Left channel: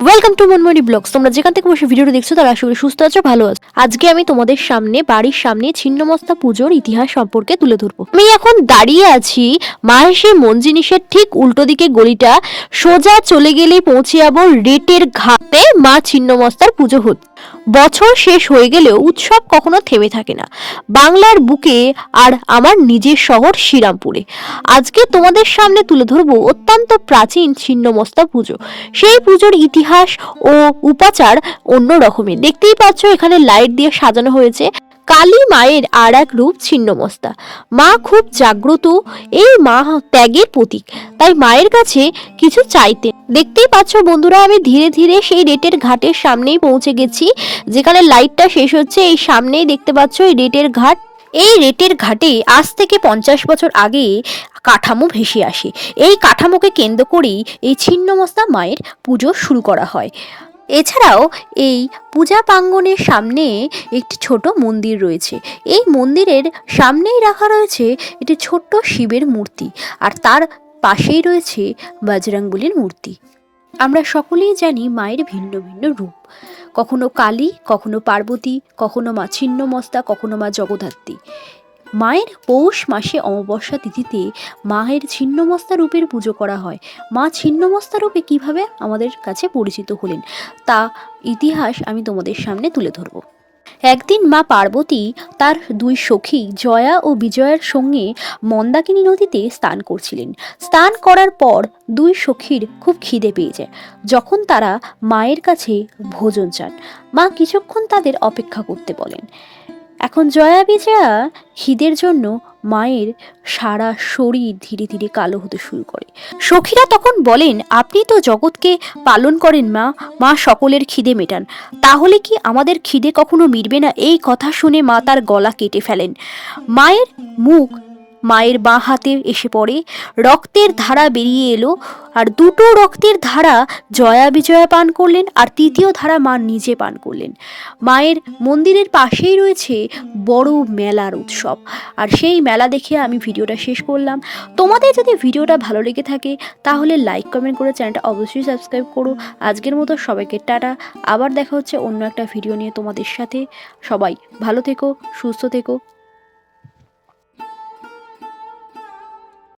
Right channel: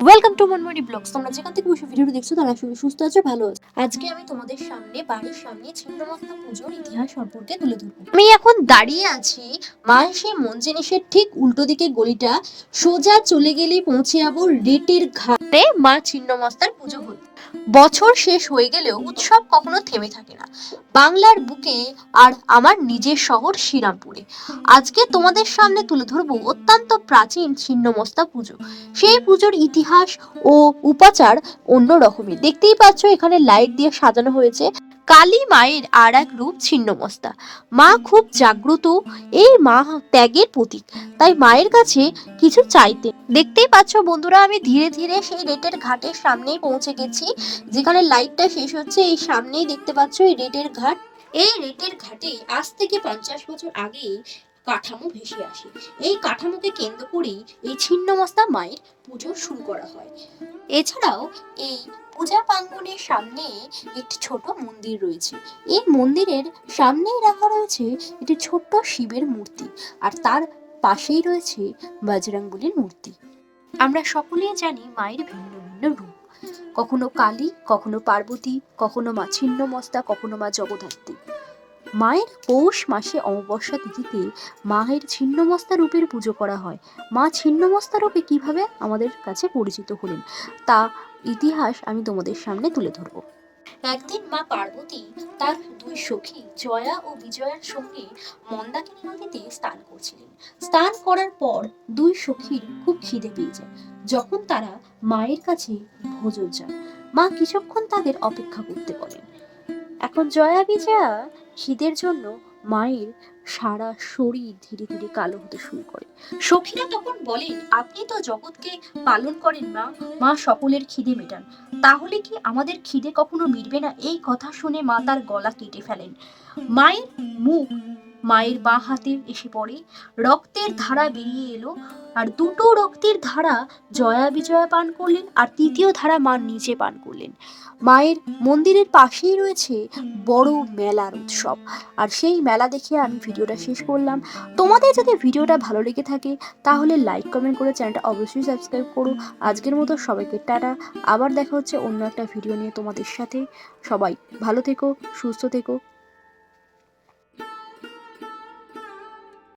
Welcome to মনমনি blogs তোমরা যেখান থেকে বসে ভিডিওটা দেখছ, তারা করি সুস্থ আছো, ভালো আছো। আজকে আমি তোমাদের সামনে, বাড়ির সামনে ছিন্নমস্তা পুজোর ইতিহাস সম্পর্কে তুলে ধরবো। আমি এখন দাঁড়িয়ে আছি মাহেশে মন জিনিসের ঠিক উল্টো দিকে গলিটা। সোজা চলে গেলে পৌঁছে যাব রেটের ঘাটে মা ছিন্নমস্তার পুজো হচ্ছে বছর শেষ হয়ে গেলেও উৎসব কখনো থেমে থাকে না। বাংলার বুকে আর আমার নিজের শহর শ্রীরামপুরে। আজকে তোমাদের সামনে তুলে ধরবো অত্যন্ত প্রাচীন ছিন্নমস্তা পুজো। সেই পুজোর ইতিহাস ও উপাচার অন্য রকমের দেখতেই পাচ্ছ এখানে লাইট দিয়ে সাজানো হয়েছে। কালী মায়ের আর এক রূপ ছিন্নমস্তা। মা খুব জাগ্রত এই মা ত্যাগের প্রতীক। তাই মায়ের কাছে কিছু চাইতেন। দেখতেই পাচ্ছ বন্ধুরা, আমি ধীরে ধীরে সেই রেটের ঘাটের সামনেই পৌঁছে গেছি। যেখানে লাইটটা শেষ হচ্ছে, এই সামনেই দেখতে পাচ্ছ এই রেটের ঘাট। এই রেটের ঘাটে আজ থেকে পঞ্চাশ বছর আগে কাঠামো ভেসে আসে। এই কাঠামোকে কেন্দ্র করেই এই ছিন্নমস্তা মায়ের পুজো শুরু করা হয়। এছাড়াও এই পূজা প্রাঙ্গণের সামনে একটি ছোট মন্দির রয়েছে। এই মন্দিরের সামনেই রাখা রয়েছে একটি ছোট্ট শিবের মূর্তি আর তার পাশেই রয়েছে বজরংবলির মূর্তি। আমরা সকলেই জানি মায়ের ভিন্ন ভিন্ন রূপ। কখনো কালী, কখনো পার্বতী, কখনো মা ছিন্নমস্তা, কখনো মা জগদ্ধাত্রী। মায়ের পৌষ মাসে অমাবস্যা তিথিতে মায়ের ছিন্নমস্তা রূপের পুজো করা হয়। মা ছিন্নমস্তা রূপে কীভাবে আমাদের কাছে পরিচিত হলেন, তা ইতিহাস আমি তোমাদের সামনে তুলে ধরব। একদিন মা পার্বতী তার দুই সখী জয়া ও বিজয়ার সঙ্গে মন্দাকিনী নদীতে স্নান করছিলেন। স্নান করার পর দুই সখীর খুব খিদে পেয়ে যায় যখন তারা মায়ের কাছে ভোজন চান, মা কিছুক্ষণ তাদের অপেক্ষা করতে বলেন এখন জয়া বিজয়া খিদের জন্য মায়ের সারা শরীর ধীরে ধীরে কালো হতে শুরু করে। সখীরা তখন বলেন, আপনি তো জগৎকে পালন করেন মা মা সকলের খিদে মেটান। তাহলে কি আমাদের খিদে কখনো মিটবে না? এই কথা শুনে মা তার গলা কেটে ফেলেন। মায়ের মুখ মায়ের বাঁ হাতে এসে পড়ে। রক্তের ধারা বেরিয়ে এলো আর দুটো রক্তের ধারা জয়া বিজয়া পান করলেন আর তৃতীয় ধারা মা নিজে পান করলেন। মায়ের মন্দিরের পাশেই রয়েছে বড় মেলার উৎসব। আর সেই মেলা দেখে আমি ভিডিওটা শেষ করলাম। তোমাদের যদি ভিডিওটা ভালো লেগে থাকে তাহলে লাইক কমেন্ট করে চ্যানেলটা অবশ্যই সাবস্ক্রাইব করো। আজকের মতো সবাইকে টাটা। আবার দেখা হচ্ছে অন্য একটা ভিডিও নিয়ে তোমাদের সাথে। সবাই ভালো থেকো, সুস্থ থেকো।